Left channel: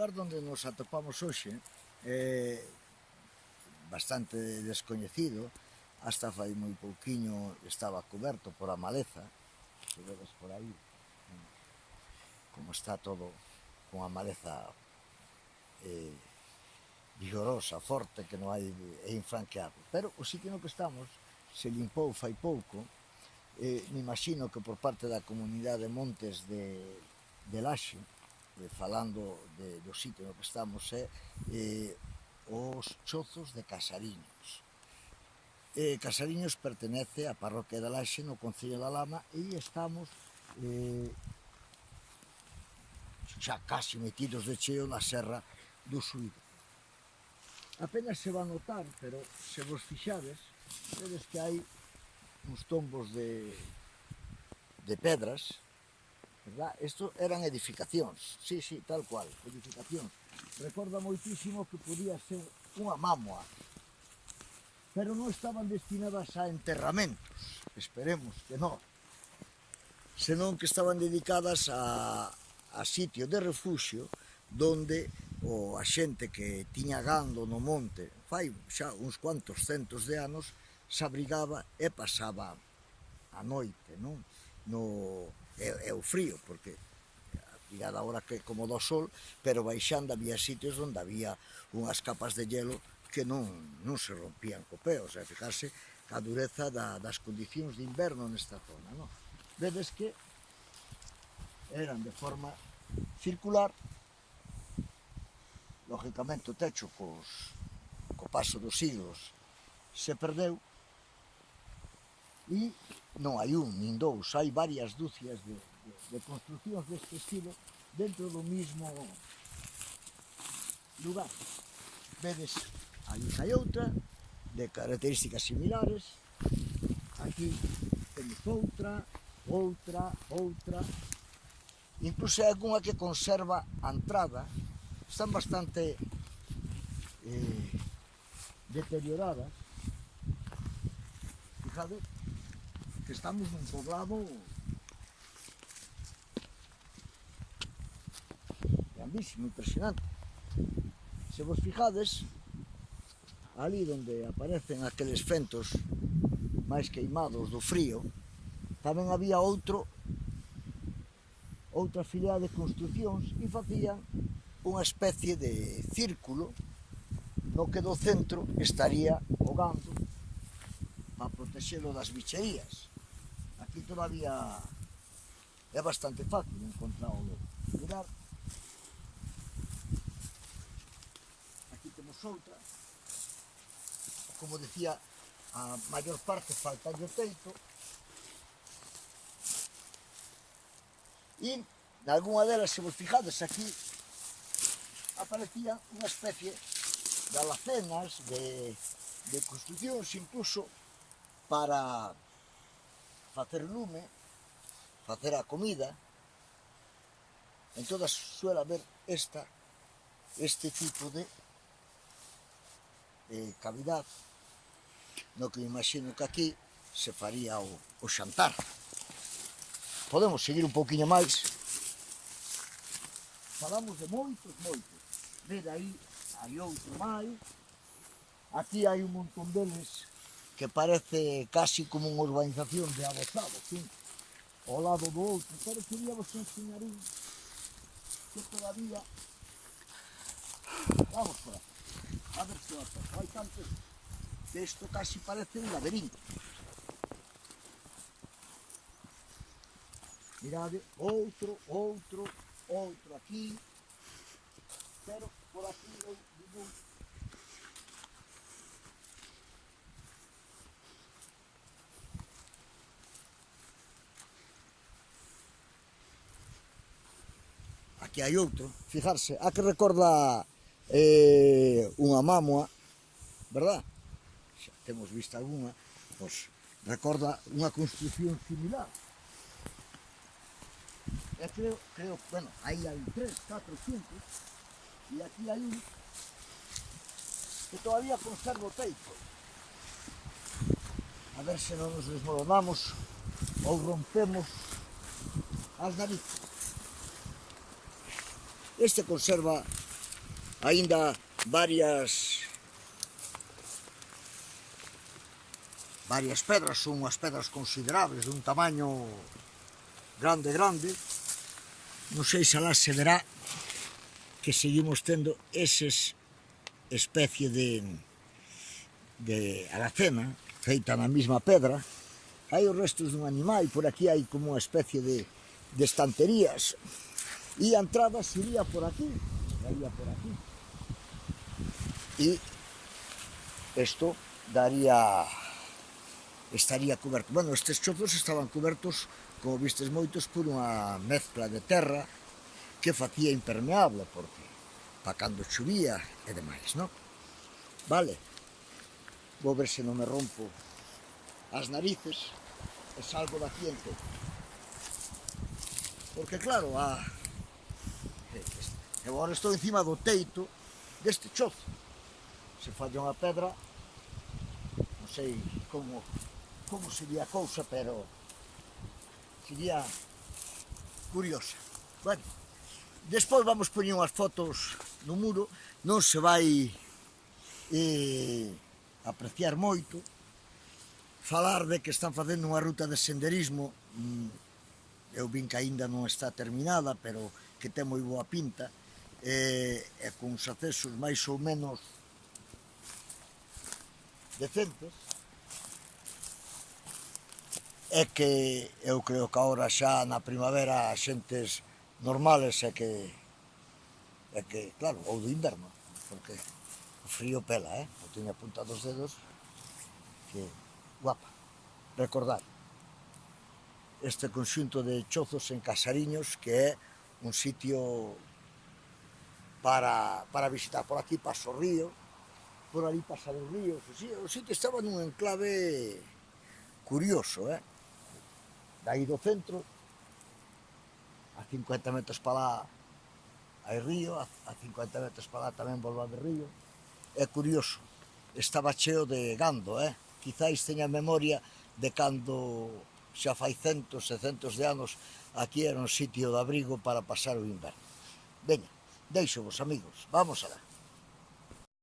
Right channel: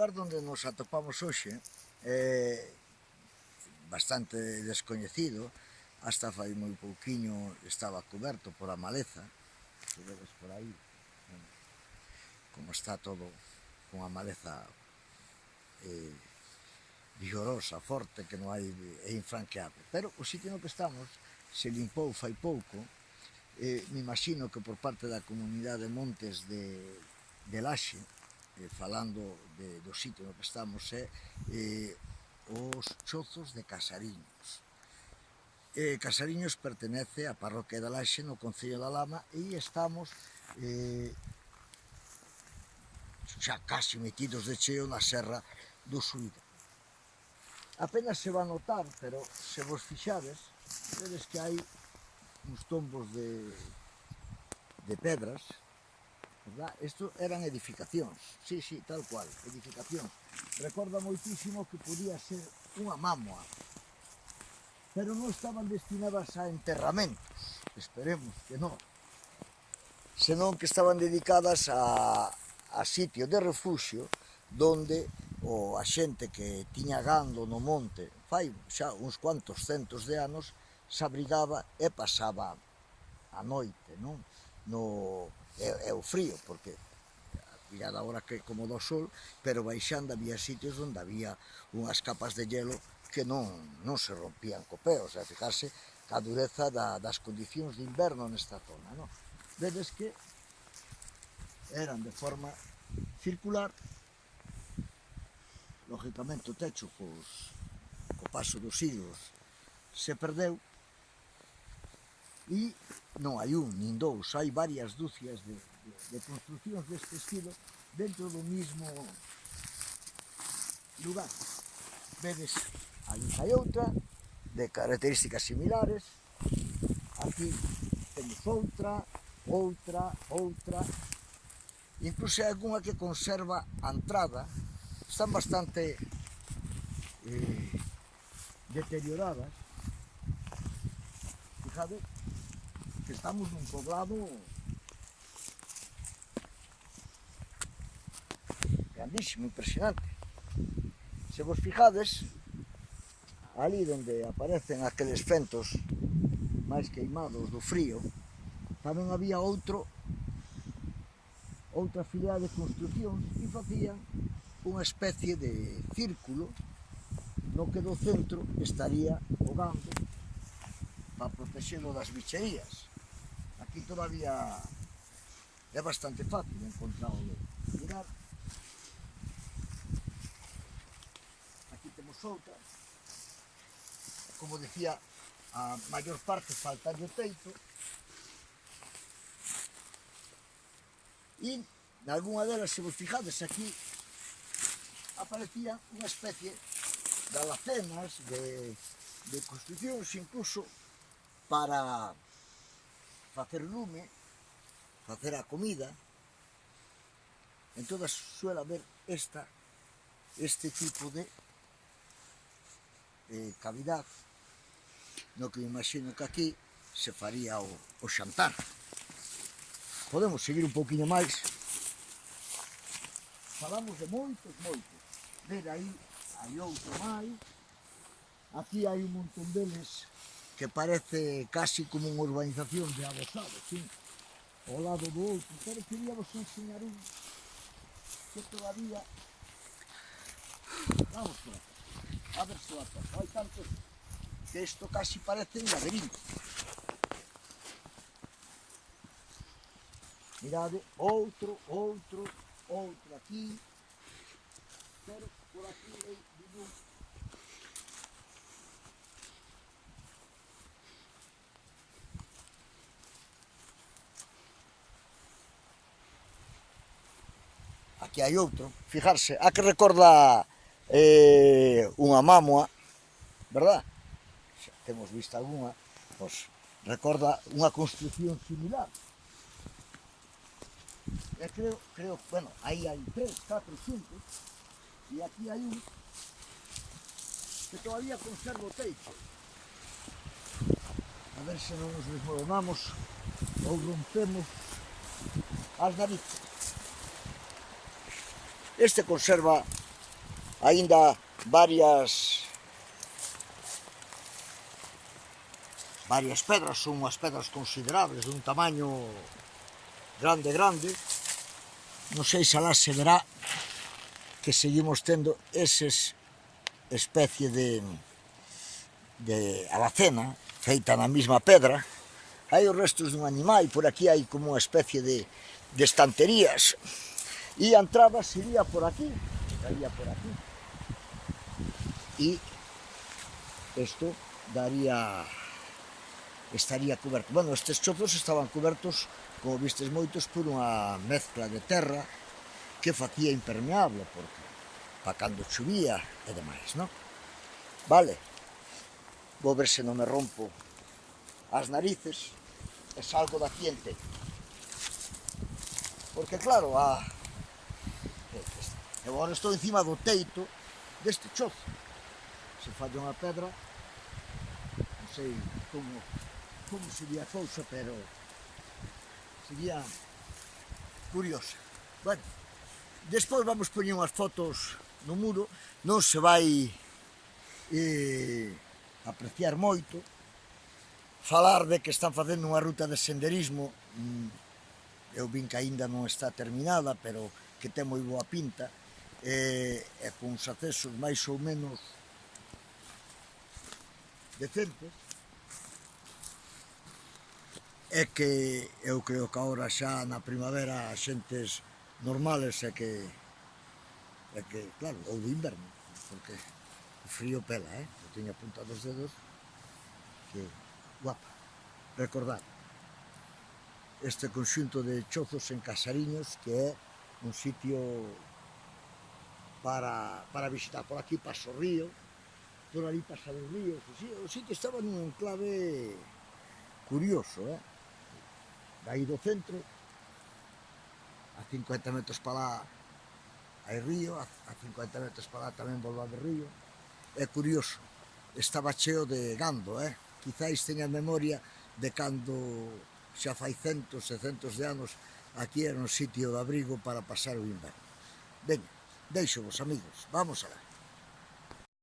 lugar onde nos atopamos hoxe é bastante descoñecido, hasta fai moi pouquiño estaba coberto por a maleza, que vedes por aí, como está todo con a maleza vigorosa, forte, que non hai, é infranqueable. Pero o sitio no que estamos se limpou fai pouco, me imagino que por parte da comunidade de Montes de Laxe, falando do sitio no que estamos, é os Chozos de Casariños. Casariños pertenece á parroquia de Laxe no concello da Lama e estamos xa casi metidos de cheo na serra do Suído. Apenas se va a notar, pero se vos fixades, vedes que hai uns tombos de pedras, verdad? Isto eran edificacións, sí, tal cual, edificacións. Recorda moitísimo que podía ser unha mámoa, pero non estaban destinadas a enterramentos, esperemos que non, senón que estaban dedicadas a sitio de refuxio donde a xente que tiña gando no monte fai xa uns cuantos centos de anos se abrigaba e pasaba a noite, non? É o frío, porque mirada agora que como do sol, pero baixando había sitios onde había unhas capas de hielo que non se rompían co pé, o sea, fijarse a dureza das condicións de inverno nesta zona, non? Vedes que eran de forma circular, lógicamente o techo co paso dos siglos se perdeu e non hai un nin dous, hai varias dúcias de construccións deste estilo dentro do mismo lugar. Vedes, aí hai outra de características similares, aquí temos outra, incluso hai algunha que conserva a entrada, están bastante deterioradas. Fijade que estamos nun poblado grandísimo, impresionante. Se vos fijades, ali onde aparecen aqueles fentos máis queimados do frío, tamén había outra filea de construcións e facían unha especie de círculo no que do centro estaría o gando para protexelo das bicherías. Aquí todavía é bastante fácil encontrar o lobo. Mirad, aquí temos outra, como decía, a maior parte falta de teito, e nalgúna delas, se vos fijades aquí, aparecía unha especie de alacenas, de construcións, incluso para facer lume, facer a comida. En todas suele haber este tipo de cavidad, no que me imagino que aquí se faría o xantar. Podemos seguir un pouquiño máis. Falamos de moitos. Ver aí, hai outro máis. Aquí hai un montón deles que parece casi como unha urbanización de adosado, sí, ao lado do outro. Pero quería vos enseñar un que todavía... Vamos por aquí, a ver se o atopo. Hai tantos que isto casi parece un laberinto. Mirade, outro aquí, pero por aquí eu digo... Aquí hai outro, fijarse, a que recorda unha mámoa, verdad? Xa temos visto alguna, pois recorda unha construcción similar. E creo, bueno, aí hai 3, 4, 5, e aquí hai un que todavía conserva o teito. A ver se non nos desmoronamos ou rompemos as narices. Este conserva aínda varias pedras, son unhas pedras considerables, dun tamaño grande. Non sei se alá se verá que seguimos tendo eses especie de alacena feita na mesma pedra. Hai os restos dun animal, por aquí hai como unha especie de estanterías, e a entrada sería por aquí, e isto estaría coberto. Bueno, estes chozos estaban cobertos, como vistes moitos, por unha mezcla de terra que facía impermeable, porque para cando chovía e demais, non? Vale, vou ver se non me rompo as narices e salgo da ciente, porque claro, agora estou encima do teito deste chozo. Se falla unha pedra, non sei como sería a cousa, pero sería curiosa. Bueno, despois vamos poñer unhas fotos no muro, non se vai apreciar moito. Falar de que están facendo unha ruta de senderismo, eu vin que aínda non está terminada, pero que ten moi boa pinta, e con uns accesos máis ou menos decentes, é que eu creo que agora xa na primavera as xentes normales é que claro, ou do inverno, porque o frío pela, eu teño apuntado os dedos, que guapa. Recordad, este conxunto de chozos en Casariños, que é un sitio para visitar. Por aquí pasa o río, por ali pasan os ríos, o sitio estaba nun enclave curioso, Daí do centro, a 50 metros para lá hai río, a 50 metros para lá tamén volve a haber río. É curioso, estaba cheo de gando, Quizáis teña memoria de cando xa fai centos e centos de anos aquí era un sitio de abrigo para pasar o inverno. Veña, deixo vos, amigos, vamos alá.